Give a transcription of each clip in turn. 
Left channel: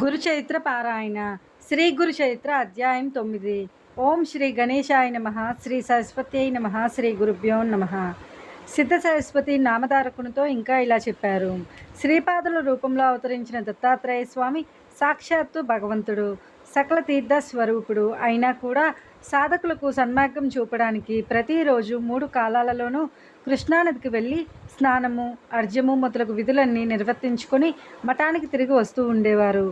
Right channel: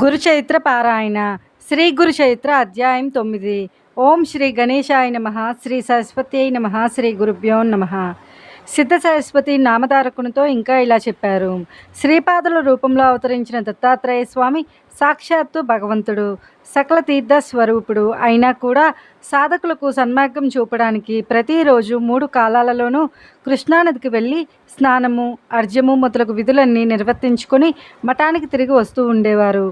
గురుచరిత్ర పారాయణ శ్రీ గురుచరిత్ర అధ్యాయం తొమ్మిది. ఓం శ్రీ గణేశాయ నమ శ్రీ సరస్వతి నమ శ్రీ గురుభ్యో నమ. సిద్ధ సరస్వతి నామధారకునితో ఇంకా ఇలా చెప్పారు. శ్రీపాదుల రూపంలో అవతరించిన దత్తాత్రేయ స్వామి సాక్షాత్తు భగవంతుడు. సకల తీర్థ స్వరూపుడు. అయినా కూడా సాధకులకు సన్మార్గం చూపడానికి ప్రతిరోజు మూడు కాలాలలోనూ కృష్ణానదికి వెళ్ళి స్నానము అర్జము మొదలగు విధులన్నీ నిర్వర్తించుకొని మఠానికి తిరిగి వస్తూ ఉండేవారు.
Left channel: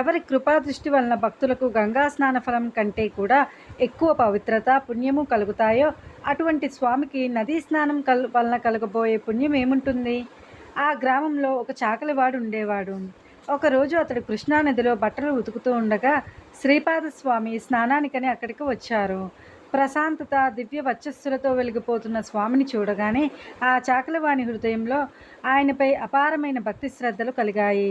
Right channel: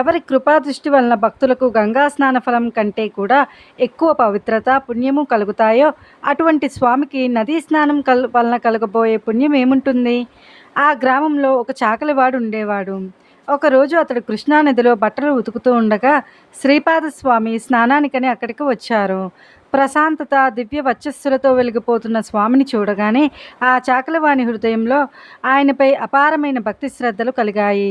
ఎవరి కృపాదృష్టి వలన భక్తులకు గంగా స్నాన ఫలం కంటే కూడా ఎక్కువ పవిత్రత పుణ్యము కలుగుతాయో అటువంటి స్వామికి నదీ స్నానం కల్ వలన కలగబోయే పుణ్యం ఏముంటుంది ఆ గ్రామంలో ఒక చాకలివాడు ఉండేవాడు. ఒకరోజు అతడు కృష్ణానదిలో బట్టలు ఉతుకుతూ ఉండగా శ్రీపాదస్వామి స్నానానికని అక్కడికి వచ్చారు. ప్రశాంతత దివ్య వచ్చస్సులతో వెలిగిపోతున్న స్వామిని చూడగానే ఆ చాకలవాణి హృదయంలో ఆయనపై అపారమైన భక్తి శ్రద్ధలు కలిగాయి.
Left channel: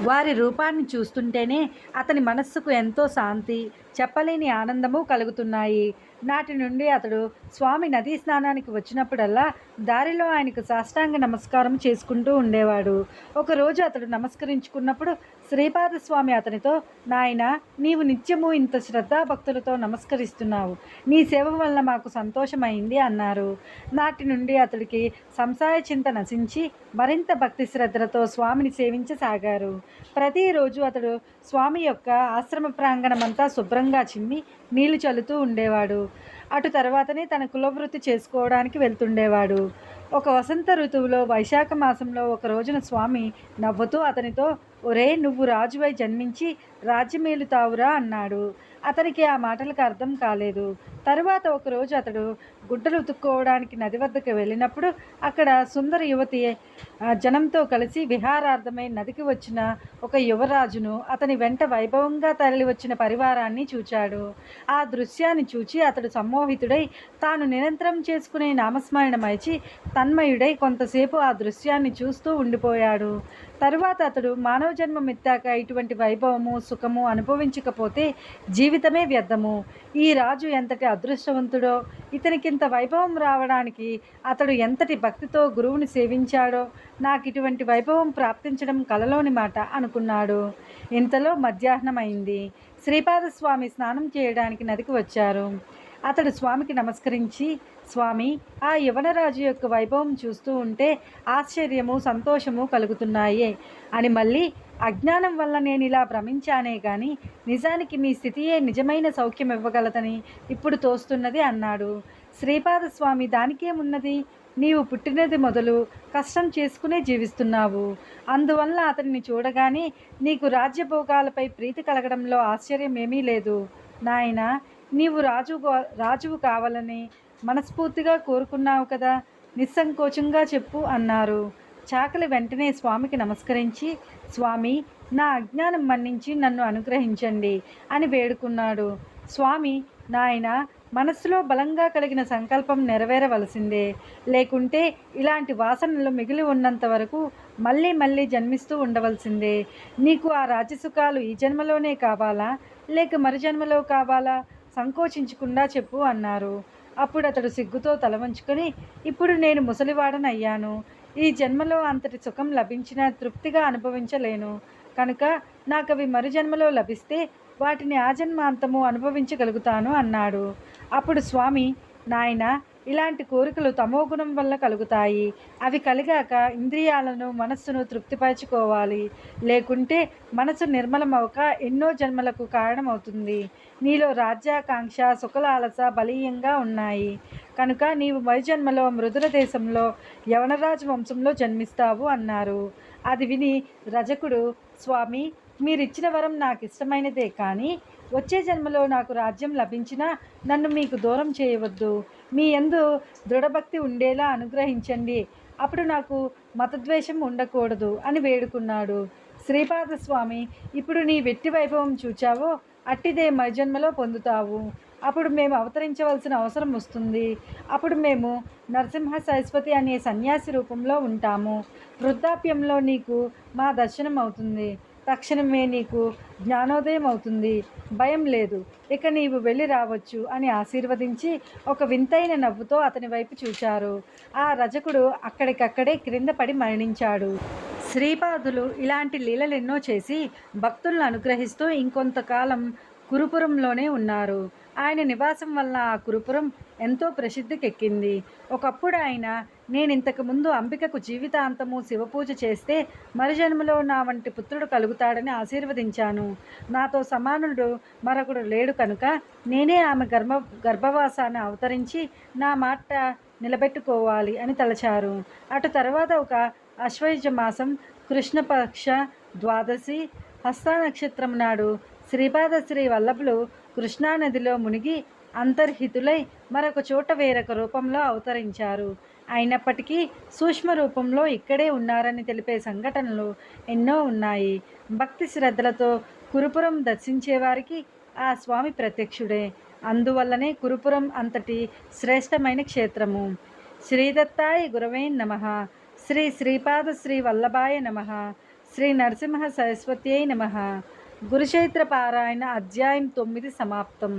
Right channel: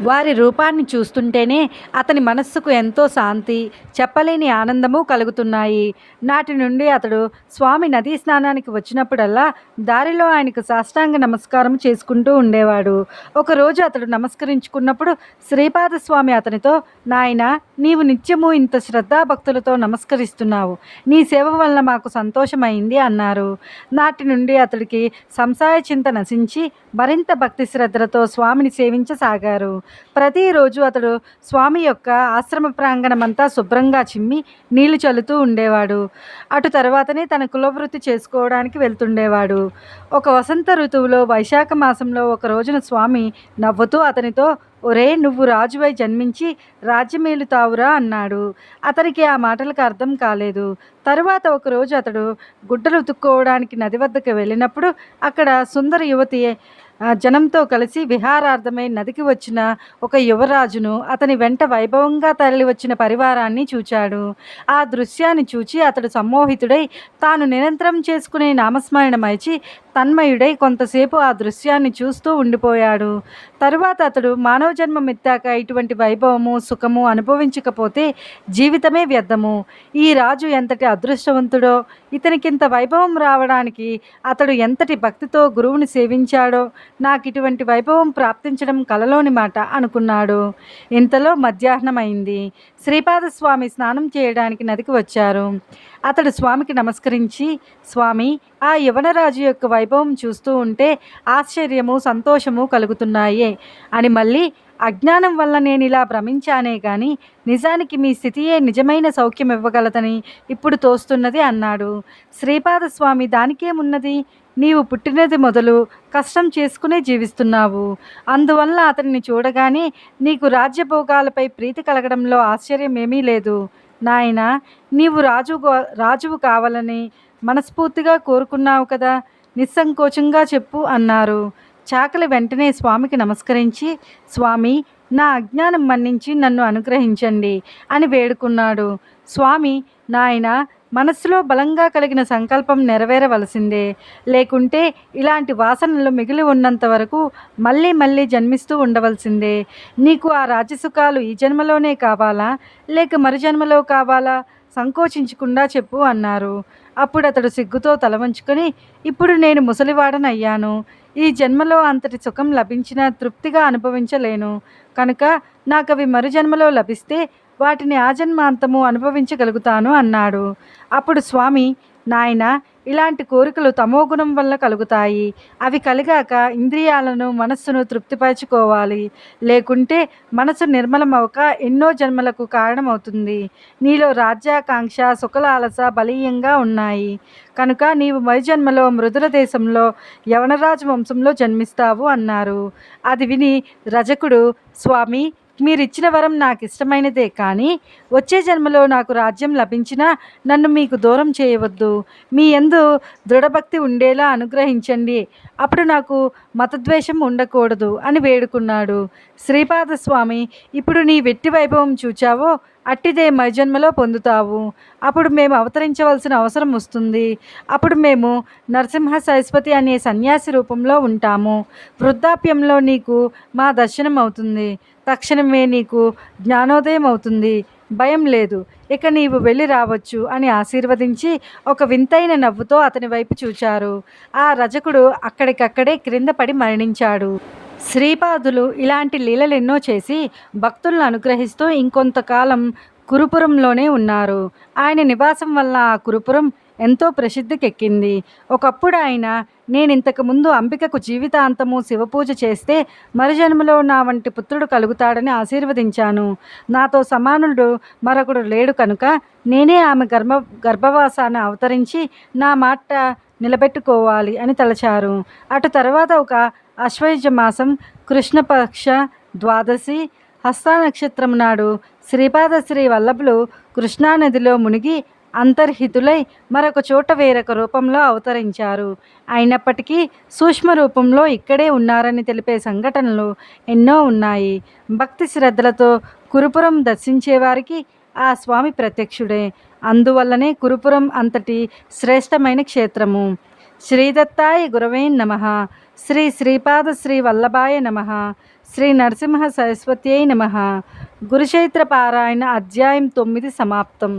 వారి రూపాన్ని చూస్తుంటేనే అతని మనస్సుకు ఎంతో శాంతి చెప్పలేని ఆనందము కలుగుతున్నాయి. నాటి నుండి అతడు స్వామి నదీ స్నానానికి వచ్చినప్పుడల్లా దారిలో ఆయనకు సాష్టాంగ నమస్కారం చేసుకుంటూ ఉండేవాడు. ఒకరోజు అతడు నమస్కరించుకున్నప్పుడు శ్రీపాద స్వామి అతనితో నాయన నీవు నిత్యము ఇంత శ్రద్ధాభక్తులతో నమస్కరిస్తున్నావు. నీ సేవ వలన మాకు సంతోషమైంది అన్నారు. నాటి నుండి అతడికి సంసాయ చింత నశించి మరింత భక్తి శ్రద్ధలతో స్వామిని సేవించసాగారు. ప్రతిరోజు అతడు స్వామి యొక్క ఆశ్రమ ప్రాంగణమంతా శుభ్రంగా చిమ్మి నీళ్ళు చల్లుతూ ఉండేవాడు. అటు తర్వాతనే తన కులవృత్తి చేసుకోవడానికి వెళ్తుండేవాడు. ఒక వసంత ఋతువులో వైశాఖ మాసంలో ఒక రోజున స్వామి నవ్వుతూ అతనితో ఒరే నువ్వు రాజువై జన్మించి రాజ్యమేలుతావురా అన్నాడు. అతనికి ఆ మాటలకు అర్థం కాలేదు. తరువాత ఒకరోజు అతడు గుడ్డలు ఉతుక్కోవడానికి నది వద్దకు వెళ్ళినప్పుడు అక్కడ సుందర యువతి జనంతో కలిసి విహారార్థమై నదికి వచ్చిన ఒక యువరాజును అతని వెంట వైభవంగా తరలి వచ్చిన పరివారాన్ని చూచాడు. ఆ దృశ్యాన్ని చూచి అతడు సమ్మోహితుడై తాను నిరంతరం చేసుకునే నామస్మరణమైచి తన్మయుడై కొంతసేపు ఆ దృశ్యాన్ని చూస్తూ ఉండిపోయాడు. తరువాత అతడు మానవ జన్మం ఇటువంటి వైభవము సుఖము అనుభవించకపోతే జీవితమే వ్యర్థము. ఈ రాజు ఎంతటి అదృష్టవంతుడో ఇతనికింత వైభవం రావడానికి అతడు ఎంతటి భక్తితో గురువుని సేవించాడో నాకు ఇటువంటి వైభవం ప్రాప్తించడం కలలోని మాట అనుకున్నాడు. ఇంతలో మధ్యాహ్నం అయింది శ్రీపాదస్వామి స్నానం చేయడానికి నదికి వచ్చారు. అతడు స్వామికి నమస్కరించి స్వామి ఆ యవనరాజు యొక్క వైభవం చూస్తూ ఉంటే ఆశ్చర్యము సంతోషము కలుగుతున్నాయే. అని మళ్ళీ అజ్ఞానం వల్ల నేను ఇలా భ్రమించానే కానీ నిజానికి మీ స్థితియే నిజమైన సౌఖ్యం ఇవ్వగలదని ఇప్పుడు తోస్తున్నది అన్నాడు. శ్రీపాదస్వామి దానికేమున్నది? నీవు పుట్టినది మొదలు కష్టం చేసుకునే జీవిస్తున్నావు. అందువల్ల అతన్ని చూడగానే నీకు రాజ్యభోగాలపై ప్రీతి కలగడంలో ఆశ్చర్యం ఏమీ లేదు. నాయన నీవు రాజు రాజువు కావాలని మనస్ఫూర్తిగా కోరుకున్నావు కదా నిస్సంకోచంగా చెప్పు అన్నారు. చాకలి వెంటనే స్వామికి నమస్కరించి స్వామి నా అజ్ఞానం మన్నించి నన్ను అనుగ్రహించండి అని వేడుకున్నాడు. స్వామి నాయన మనస్సులో బలంగా కలిగిన సంకల్పం నెరవేరవలసిందే. లేకుంటే ఇలాంటి వాసనలు మిగిలి ఉన్నంత వరకు మళ్ళీ మళ్ళీ జన్మిస్తూ ఉండవలసిందే. నీకు ఆ రాజసుఖాలు ఈ జన్మలోనే కావాలా? లేక మరు జన్మలో కావాలా? సంకోచించకుండా చెప్పు అన్నారు. అప్పుడు అతడు సిగ్గుతో తల వంచుకొని ఇప్పుడు నేను ముసలివాడనయ్యాను. ఈ జన్మలో అంతటి సుఖం లభించినా తృప్తిగా అనుభవించలేను. కనుక నాకు అవి మరు జన్మలో లభిస్తే వాటిని ఆజన్మాంతము అనుభవించగలుగుతాను అన్నాడు. అప్పుడు స్వామి నాయన ఇలాంటి కోరికలు తమోగుణం వల్ల కలుగుతాయి. అవి కలిగాక ఇంద్రియాలను మనస్సును తృప్తిపరచుకోవాలి. లేకుంటే మనసు నిర్మలమవక ఎన్నో జన్మలకు కారణమవుతుంది. నీలో రాజ్యాకాంక్ష సుఖలాలస బలీయంగా ఉన్నాయి. కనుక నీవు మరుజన్మలో మృదుల దేశంలో యవనరాజు వంశంలో జన్మిస్తావు అన్నారు. అది విని రజకుడు స్వామి మీరిచ్చిన వరం నాకు ఇష్టమైనదే కానీ వచ్చే జన్మలో నాకు రాజ్యం లభించినా నన్ను మీకు దూరం చేయవద్దు. మీ ఎందు దృఢభక్తి ఉండేలా అనుగ్రహించండి. అప్పుడు నాకు మతద్వేషం ఉండకూడదు అని వేడుకున్నాడు. శ్రీపాదస్వామి ఇప్పుడు నీ వెట్టి వైభవం చూచావో అట్టిదే మైజన్మలో పొందుతావు. అప్పుడు మేము అవతరించవలసిన అవసరం వస్తుంది. అప్పుడు మేము నరసింహ సరస్వతి అనే సన్యాసి రూపంలో ఉంటాము. వృద్ధాప్యంలో నీకు మా దర్శనం అవుతుంది తక్షణమే నీకు జ్ఞానోదయం అవుతుంది. భయం లేదు. ఇక నీవు వెళ్ళి రావచ్చు అని ఆశీర్వదించి ఒక వింతైన నవ్వుతో అతని వైపు చూచారు. ఆ రజకుడు అక్కడికక్కడే క్రింద పడి మరణించాడు. శ్రీపాదులు ఇలాంటి లీలలెన్నో చేసి భక్తులను అనుగ్రహిస్తూ ఇంకొంతకాలం కురుపురంలోనే ఉన్నారు. ఆయన నివాసం వల్ల ఆ కురుపురం ఎంతో ప్రసిద్ధికెక్కింది. ఒకప్పుడు ఆయన నేను ఇంతకు ముందు అంబికకు జీవితాంతము శివపూజ చేస్తే మరుజన్మలో నా వంటి పుత్రుడు కలుగుతాడని ఆశీర్వదించాను. నాతో సమానుడు మరొకడు లేడు కనుక నేనే ఆమె గర్భ గర్భవాసాన్ని అవతరించి నా మాట నిలబెట్టుకోవాలి అని తలచారు. అటు తర్వాత ఒక అశ్వయుజ మాసం కృష్ణపక్ష ద్వాదశి హస్తానక్షత్రం నాడు శ్రీపాద శ్రీ వల్లభులు కృష్ణానదిలో మునిగి అంతర్హితులై మరొక చోట వేరొక రూపంలో అవతరించారు. అయినప్పటికీ సూక్ష్మ రూపంలో ఇక్కడే ఉన్నారని తెలిపే సంఘటనలు ఎన్నో ఉన్నాయి. భక్తి శ్రద్ధలతో కురుపురం దర్శించేవారికి ఆ స్వామి ప్రత్యక్షుడే. అందువల్లనే కురుపురం అంతటి శ్రేష్టమైన క్షేత్రము. శ్రీదత్తాయ గురవే నమ. శ్రీ శ్రీపాద శ్రీ వల్లభాయ నమ. శ్రీ నరసింహ సరస్వత్యై నమ. గురుచైత్ర పారాయణ అధ్యాయం తొమ్మిది సమాప్తం.